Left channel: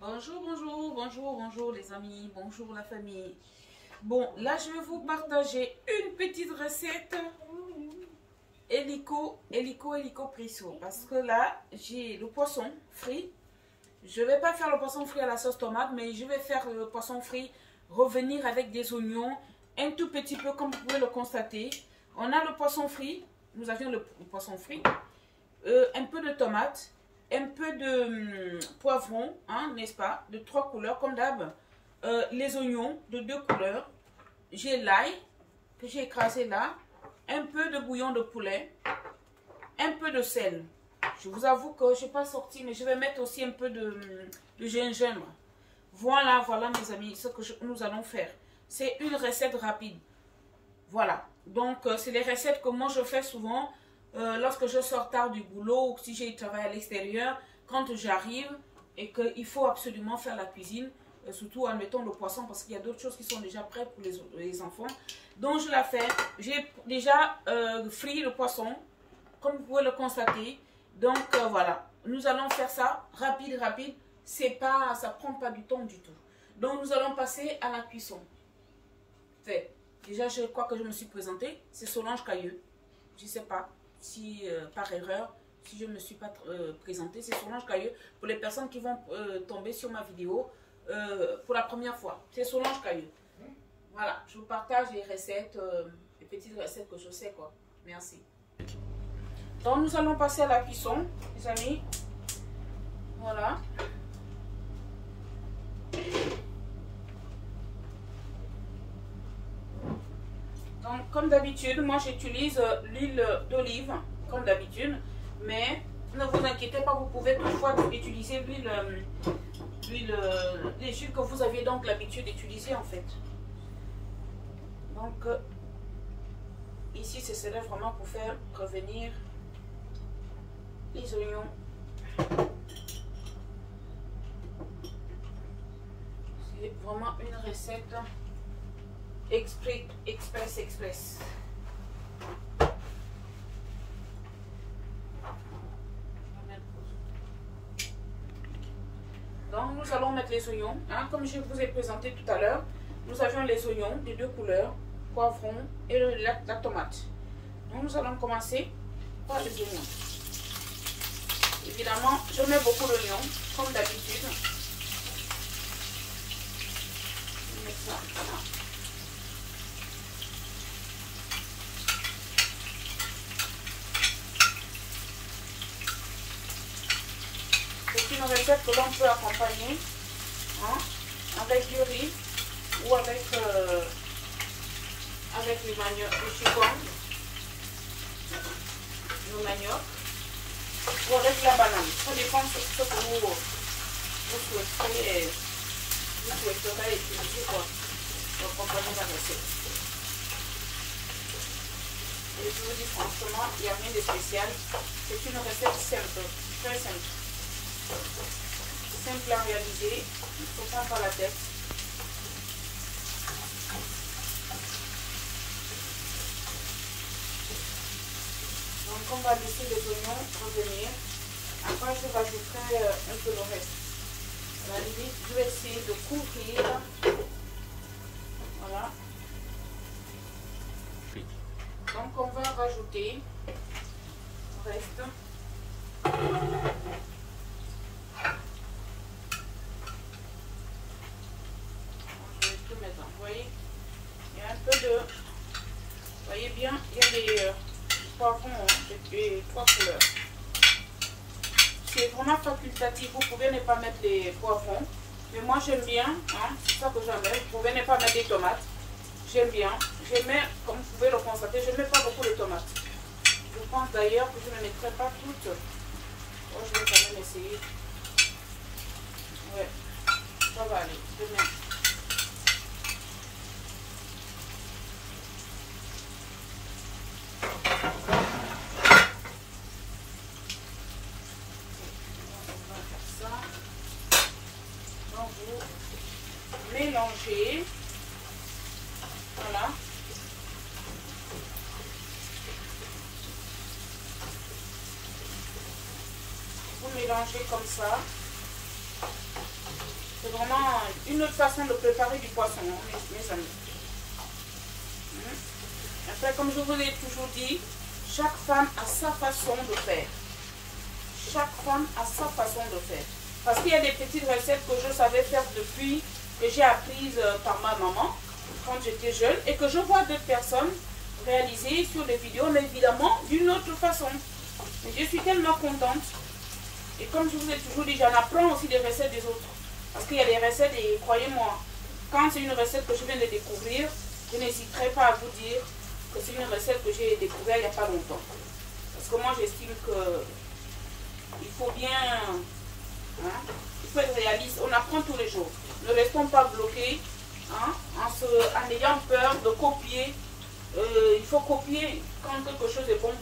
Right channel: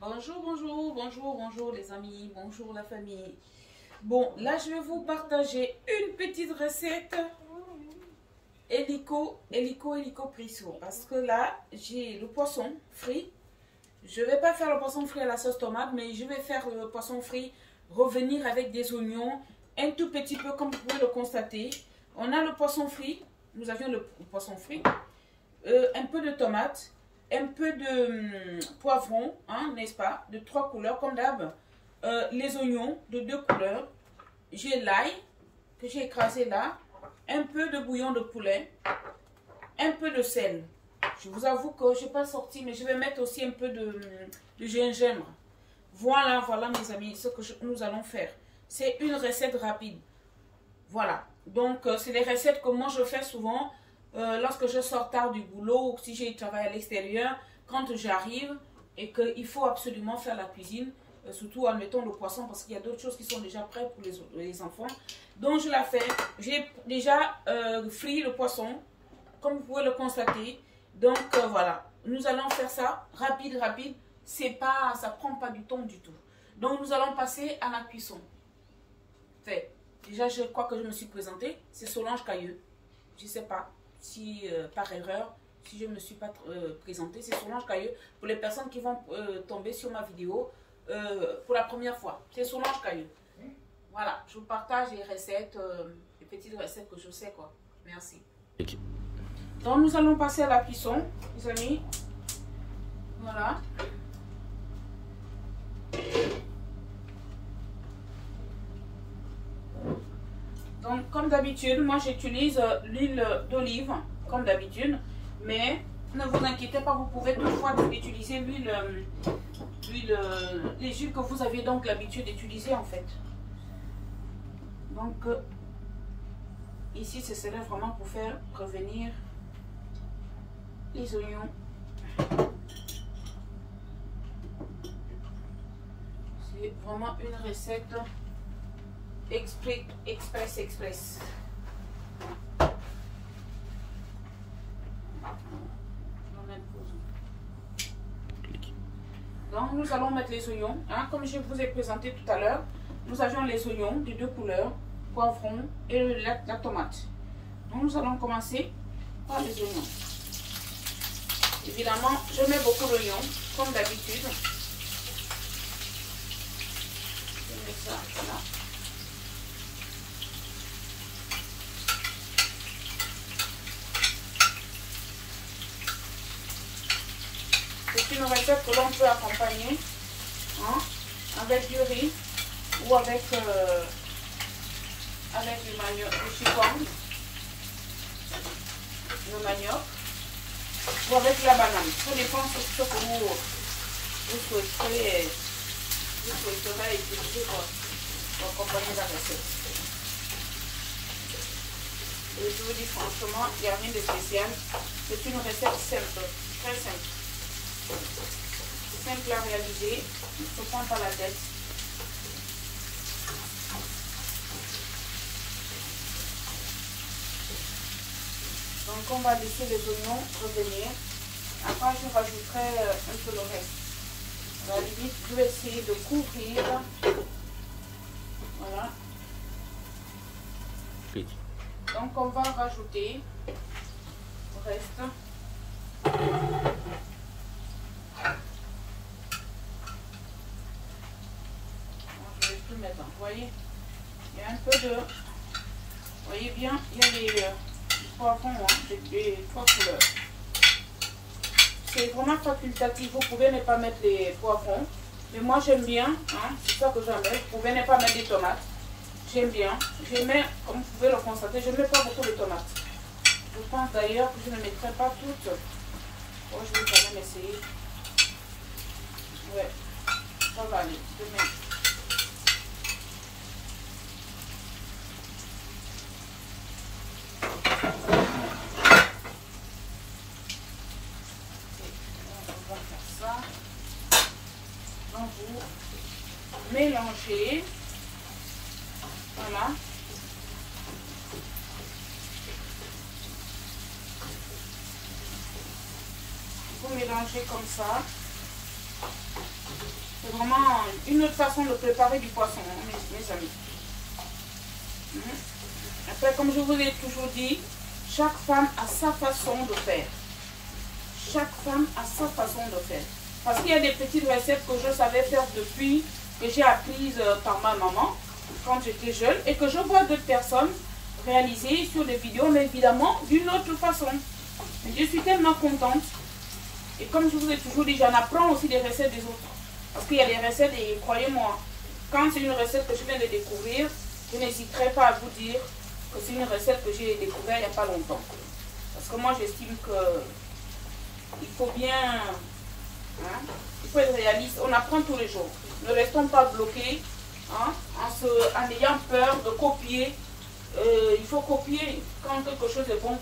Bonjour, bonjour, bonjour, bonjour les amis, bonjour la famille. Bon, là je vais vous partager une petite recette hélico presso. Parce que là, j'ai le poisson frit. Je ne vais pas faire le poisson frit à la sauce tomate, mais je vais faire le poisson frit revenir avec des oignons, un tout petit peu comme vous pouvez le constater. On a le poisson frit, nous avions le poisson frit, un peu de tomate, un peu de poivron, hein, n'est-ce pas, de 3 couleurs comme d'hab, les oignons de 2 couleurs, j'ai l'ail que j'ai écrasé là, un peu de bouillon de poulet, un peu de sel. Je vous avoue que je n'ai pas sorti, mais je vais mettre aussi un peu de gingembre. Voilà, voilà mes amis, ce que nous allons faire. C'est une recette rapide. Voilà, donc c'est des recettes que moi je fais souvent lorsque je sors tard du boulot ou si j'ai travaillé à l'extérieur, quand j'arrive et qu'il faut absolument faire la cuisine, surtout admettons le poisson parce qu'il y a d'autres choses qui sont déjà prêtes pour les enfants. Donc je la fais, j'ai déjà frit le poisson, comme vous pouvez le constater. Donc voilà, nous allons faire ça rapide, ça prend pas du temps du tout. Donc nous allons passer à la cuisson. Fait. Déjà, je crois que je me suis présentée. C'est Solange Cailleux. Je ne sais pas si par erreur, si je ne me suis pas présentée. C'est Solange Cailleux pour les personnes qui vont tomber sur ma vidéo pour la première fois. C'est Solange Cailleux. Voilà, je vous partage les recettes, les petites recettes que je sais quoi. Merci. Donc, nous allons passer à la cuisson, les amis. Voilà. Donc, comme d'habitude, moi j'utilise l'huile d'olive, comme d'habitude. Mais ne vous inquiétez pas, vous pouvez toutefois utiliser les huiles que vous aviez donc l'habitude d'utiliser en fait. Donc, ici, ce serait vraiment pour faire revenir les oignons. C'est vraiment une recette express. Donc nous allons mettre les oignons, hein, comme je vous ai présenté tout à l'heure. Nous avions les oignons de 2 couleurs, poivron et la tomate. Donc nous allons commencer par les oignons. Évidemment, je mets beaucoup d'oignons, comme d'habitude. Je mets ça là. C'est une recette que l'on peut accompagner hein, avec du riz ou avec le chikwang, le manioc, ou avec la banane. Ça dépend de ce que vous souhaiterez utiliser pour accompagner la recette. Et je vous dis franchement, il n'y a rien de spécial. C'est une recette simple, très simple. Simple à réaliser, il ne se prend pas la tête. Donc on va laisser les oignons revenir. Après je rajouterai un peu le reste. À la limite, je vais essayer de couvrir. Voilà. Oui. Donc on va rajouter le reste. Vous voyez, il y a un peu de... Vous voyez bien, il y a les poivrons hein, des 3 couleurs. C'est vraiment facultatif. Vous pouvez ne pas mettre les poivrons. Mais moi, j'aime bien. Hein, c'est ça que j'aime. Vous pouvez ne pas mettre des tomates. J'aime bien. Je mets, comme vous pouvez le constater, je ne mets pas beaucoup de tomates. Je pense d'ailleurs que je ne mettrai pas toutes. Oh, je vais quand même essayer. Ouais, ça va aller. Demain. Mélanger, voilà, vous mélangez comme ça, C'est vraiment une autre façon de préparer du poisson, hein, mes amis. Après, comme je vous l'ai toujours dit, chaque femme a sa façon de faire. Chaque femme a sa façon de faire. Parce qu'il y a des petites recettes que je savais faire depuis, que j'ai apprises par ma maman quand j'étais jeune et que je vois d'autres personnes réaliser sur des vidéos, mais évidemment d'une autre façon. Mais je suis tellement contente. Et comme je vous ai toujours dit, j'en apprends aussi des recettes des autres. Parce qu'il y a des recettes et croyez-moi, quand c'est une recette que je viens de découvrir, je n'hésiterai pas à vous dire que c'est une recette que j'ai découverte il n'y a pas longtemps. Parce que moi j'estime que il faut bien, hein, il faut être réaliste. On apprend tous les jours. Ne restons pas bloqués, hein, en ayant peur de copier. Il faut copier quand quelque chose est bon.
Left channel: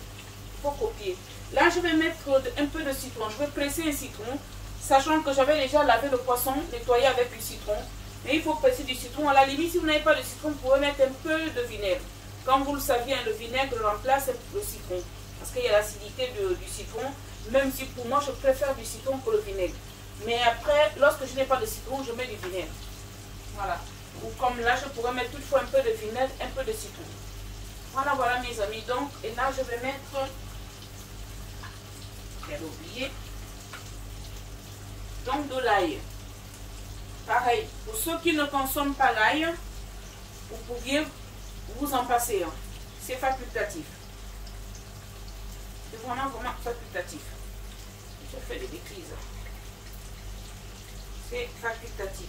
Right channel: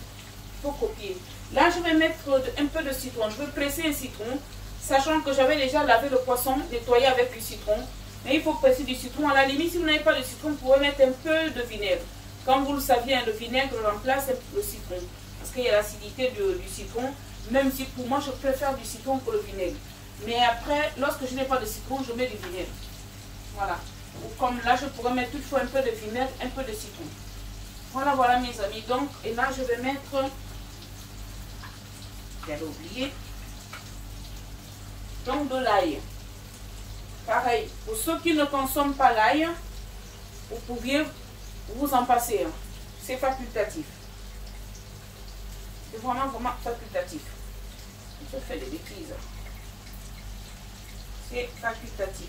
Il faut copier. Là, je vais mettre un peu de citron. Je vais presser un citron, sachant que j'avais déjà lavé le poisson, nettoyé avec du citron. Mais il faut presser du citron. À la limite, si vous n'avez pas de citron, vous pouvez mettre un peu de vinaigre. Comme vous le saviez, le vinaigre remplace le citron. Parce qu'il y a l'acidité du citron. Même si pour moi, je préfère du citron que le vinaigre. Mais après, lorsque je n'ai pas de citron, je mets du vinaigre. Voilà. Ou comme là, je pourrais mettre toutefois un peu de vinaigre, un peu de citron. Voilà, voilà mes amis. Donc, et là, je vais mettre... J'avais oublié. Donc, de l'ail. Pareil, pour ceux qui ne consomment pas l'ail, vous pouviez vous en passer. Hein. C'est facultatif. C'est vraiment, vraiment facultatif. Je fais des bêtises. C'est facultatif.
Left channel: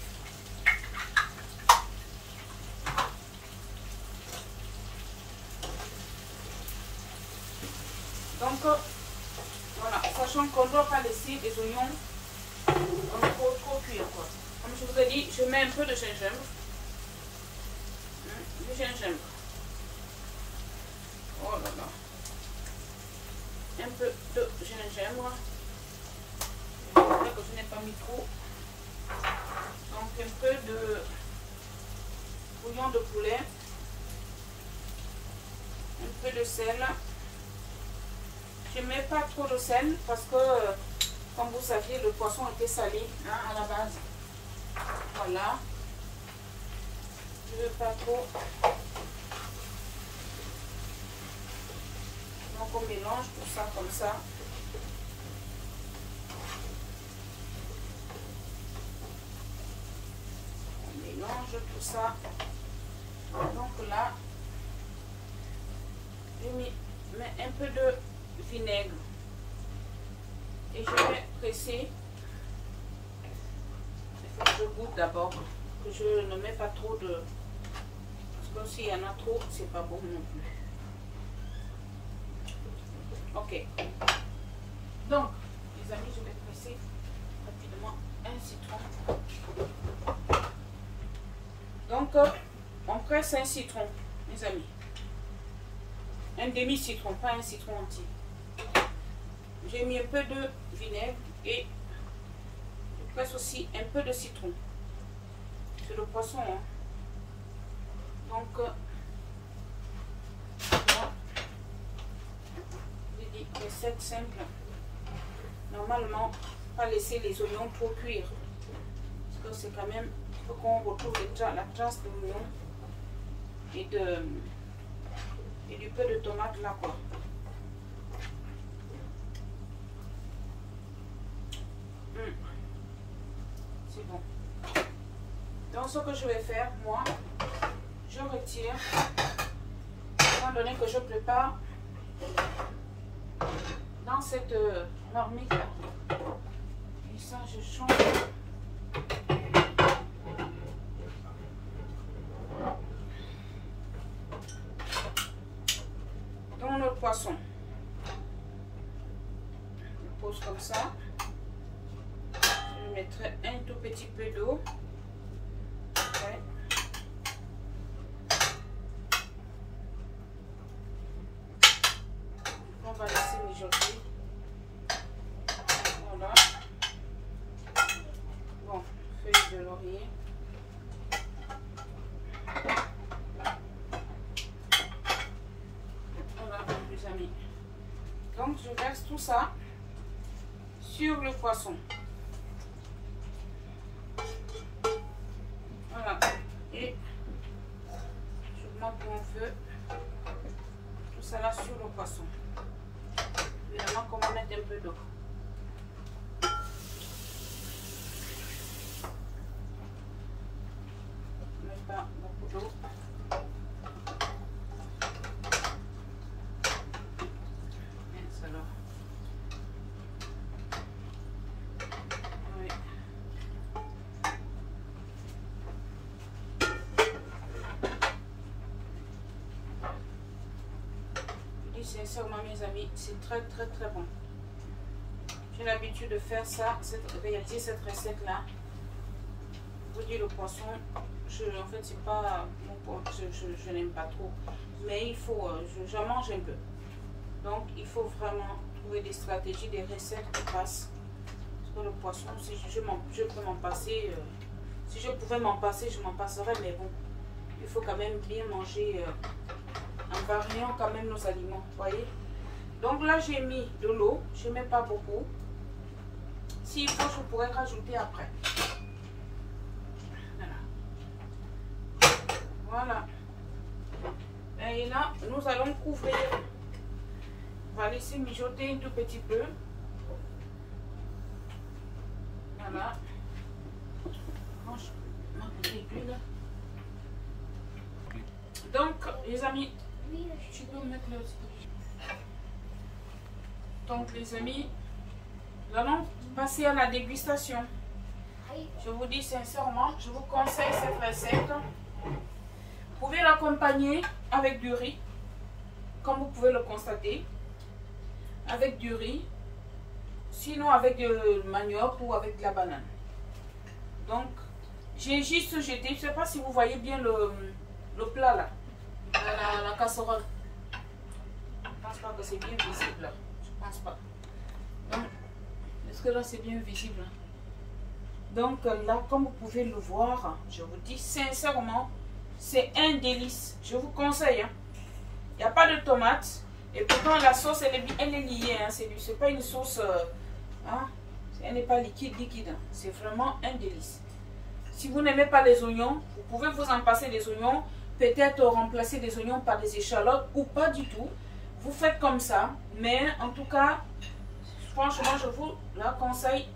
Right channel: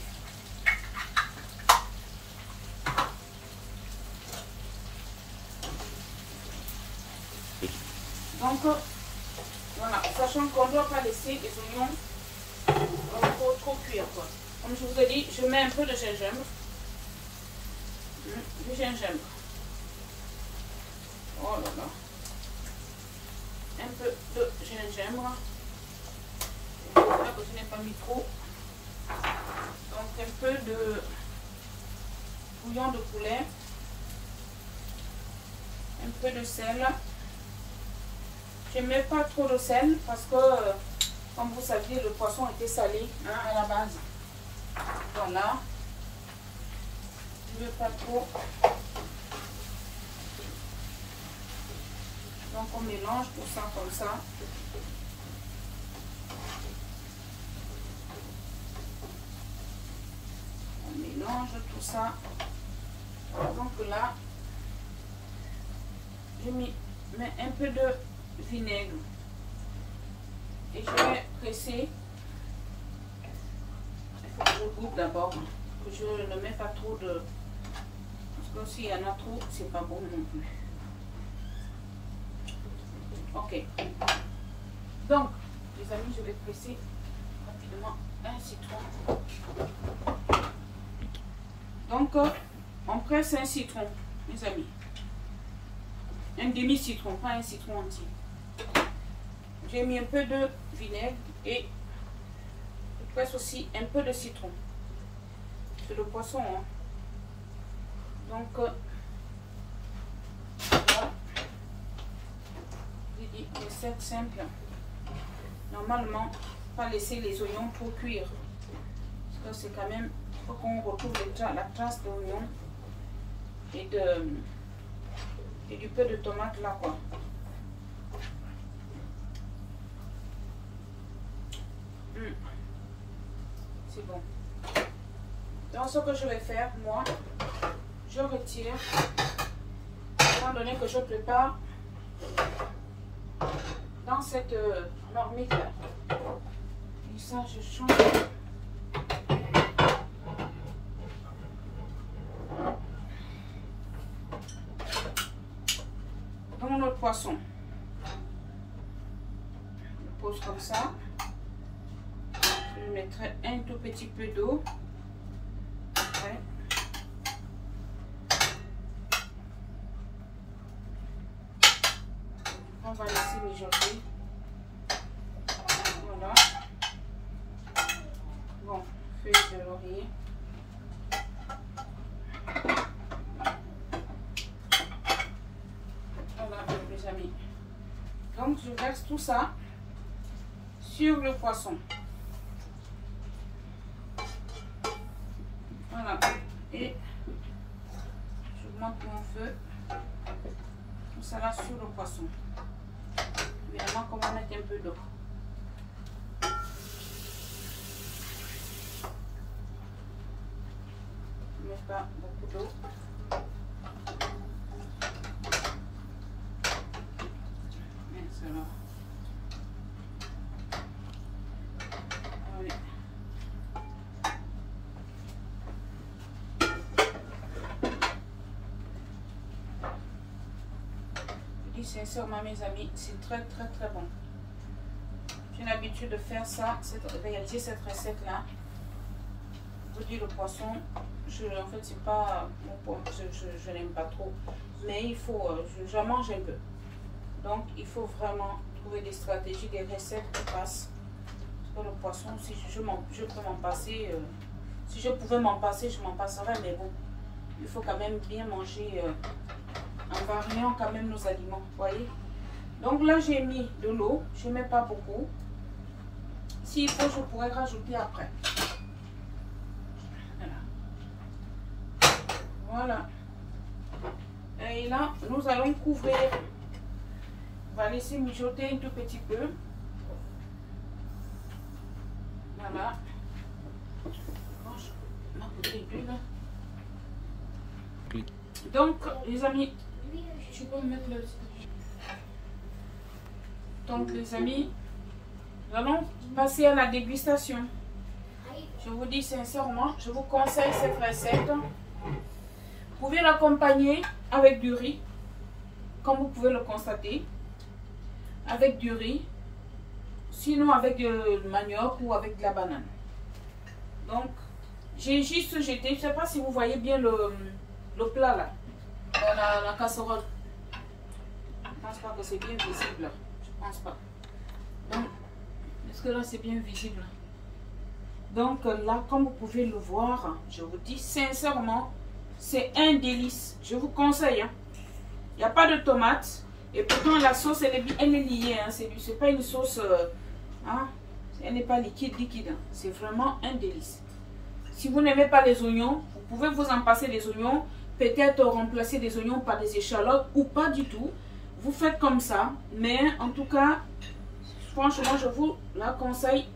Donc, voilà, sachant qu'on ne doit pas laisser les oignons trop cuire. Quoi. Comme je vous ai dit, je mets un peu de gingembre. Du gingembre. Oh là là. Un peu de gingembre. J'espère que je n'ai pas mis trop. Donc un peu de bouillon de poulet. Un peu de sel. Je ne mets pas trop de sel parce que, comme vous saviez, le poisson était salé hein, à la base. Voilà. Je ne veux pas trop. Donc on mélange tout ça comme ça. On mélange tout ça. Donc là, je mets un peu de vinaigre. Et je vais presser. Il faut que je goûte d'abord. Que je ne mets pas trop de... Parce que s'il y en a trop, c'est pas bon non plus. Ok. Donc, les amis, je vais presser rapidement un citron. Donc, on presse un citron, mes amis. Un demi-citron, pas un citron entier. J'ai mis un peu de vinaigre et je presse aussi un peu de citron. C'est le poisson. Hein. Donc, voilà. Recette simple. Normalement, pas laisser les oignons trop cuire. Parce que c'est quand même, il faut qu'on retrouve la trace de l'oignon et du peu de tomate là quoi. C'est bon. Donc ce que je vais faire, moi, je retire, étant donné que je prépare dans cette marmite là. Et ça, je change. Dans notre poisson. Je pose comme ça. Je mettrai un tout petit peu d'eau. Okay. On va laisser mijoter. Voilà. Bon, feuille de laurier. Voilà, mes amis. Donc, je verse tout ça sur le poisson. peu tout ça là sur le poisson. Évidemment qu'on va mettre un peu d'eau. Mais pas beaucoup d'eau. Et cela. Oui. Je dis sincèrement mes amis, c'est très bon. J'ai l'habitude de faire ça, réaliser cette recette là. Je vous dis le poisson, en fait c'est pas mon point, je n'aime pas trop, mais il faut, je mange un peu, donc il faut vraiment trouver des stratégies, des recettes qui passent. Parce que le poisson, si je peux m'en passer, si je pouvais m'en passer, je m'en passerais, mais bon, il faut quand même bien manger en variant quand même nos aliments, voyez. Donc là j'ai mis de l'eau, je ne mets pas beaucoup. S'il faut, je pourrais rajouter après. Voilà. Et là, nous allons couvrir. On va laisser mijoter un tout petit peu. Voilà. Ma petite huile. Donc, les amis, tu peux mettre là. Donc, les amis, nous allons passer à la dégustation. Je vous dis sincèrement, je vous conseille cette recette. Vous pouvez l'accompagner avec du riz, comme vous pouvez le constater, avec du riz, sinon avec du manioc ou avec de la banane. Donc, j'ai juste jeté, je ne sais pas si vous voyez bien le plat là, la casserole. Je ne pense pas que c'est bien visible là, je ne pense pas. Donc, est-ce que là c'est bien visible? Donc là, comme vous pouvez le voir, je vous dis sincèrement, c'est un délice. Je vous conseille. Il n'y a pas de tomates. Et pourtant, la sauce, elle est liée. Hein. C'est pas une sauce... elle n'est pas liquide. C'est vraiment un délice. Si vous n'aimez pas les oignons, vous pouvez vous en passer des oignons. Peut-être remplacer des oignons par des échalotes ou pas du tout. Vous faites comme ça. Mais en tout cas, franchement, je vous la conseille,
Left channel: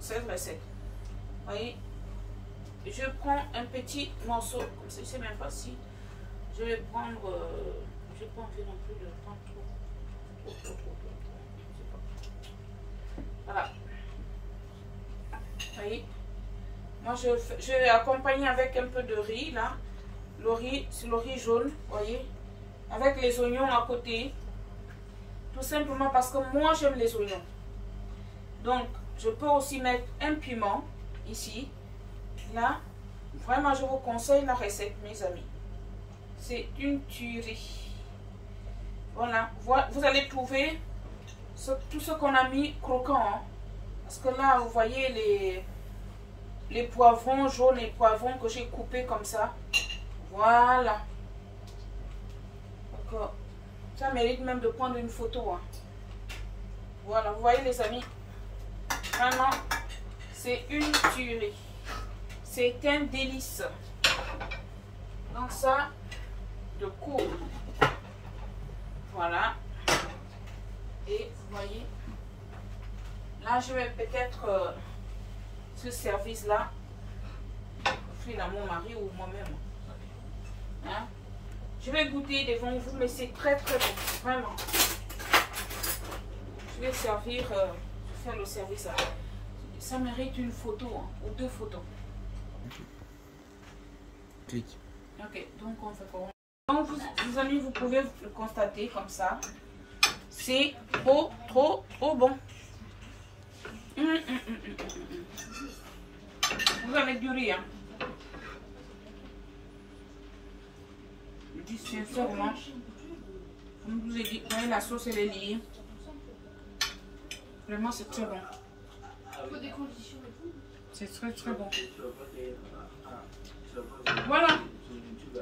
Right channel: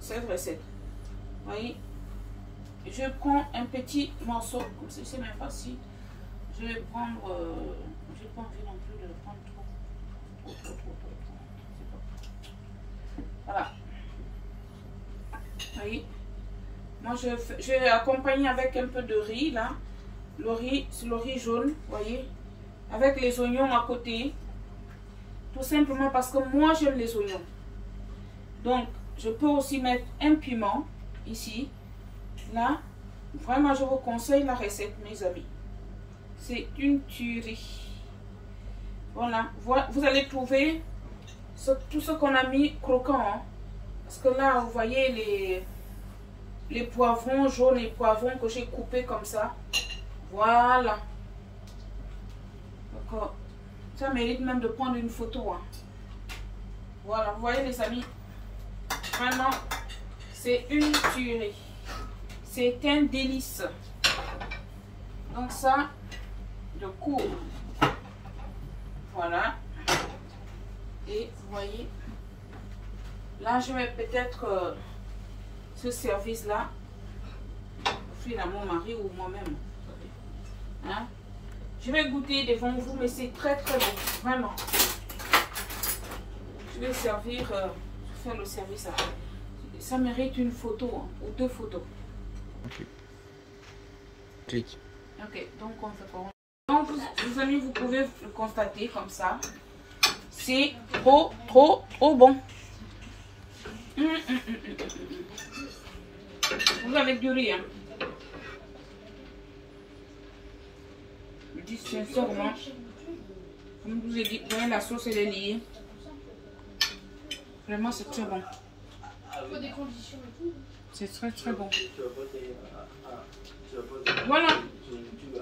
cette recette. Vous voyez? Je prends un petit morceau, comme ça, je ne sais même pas si je vais prendre, je n'ai pas envie non plus de le prendre trop. Voilà. Vous voyez, moi je vais accompagner avec un peu de riz là. Le riz, c'est le riz jaune, vous voyez, avec les oignons à côté. Tout simplement parce que moi j'aime les oignons. Donc, je peux aussi mettre un piment ici. Là, vraiment, je vous conseille la recette, mes amis. C'est une tuerie. Voilà, vous allez trouver tout ce qu'on a mis croquant. Hein. Parce que là, vous voyez les poivrons jaunes et poivrons que j'ai coupés comme ça. Voilà. Donc, ça mérite même de prendre une photo. Hein. Voilà, vous voyez les amis. Vraiment, c'est une tuerie. C'est un délice. Donc ça, je coupe. Voilà. Et vous voyez, là je vais peut-être ce service-là offrir à mon mari ou moi-même. Hein? Je vais goûter devant vous, mais c'est très bon, vraiment. Je vais servir, faire le service après. Ça mérite une photo hein, ou deux photos. Ok. Clique. Ok, donc on fait quoi? Donc les amis, vous pouvez le constater comme ça. C'est trop bon. Vous avez du riz, hein? Je dis sincèrement, comme je vous ai dit, voyez, la sauce elle est liée. Vraiment, c'est très bon. C'est très bon. Voilà.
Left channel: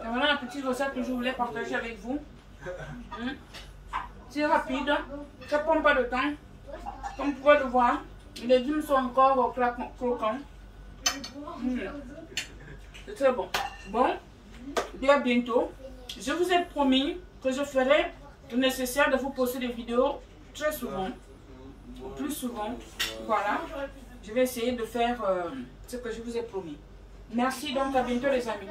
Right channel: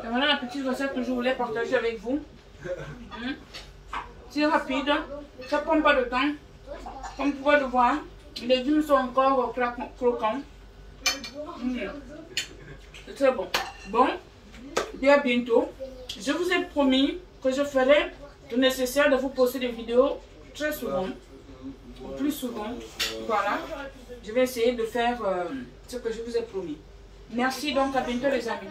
Voilà la petite recette que je voulais partager avec vous. C'est rapide. Ça ne prend pas de temps. Comme vous pouvez le voir, les légumes sont encore croquants. C'est très bon. Bon, et à bientôt. Je vous ai promis que je ferai le nécessaire de vous poster des vidéos très souvent. Plus souvent. Voilà. Je vais essayer de faire ce que je vous ai promis. Merci donc, à bientôt les amis.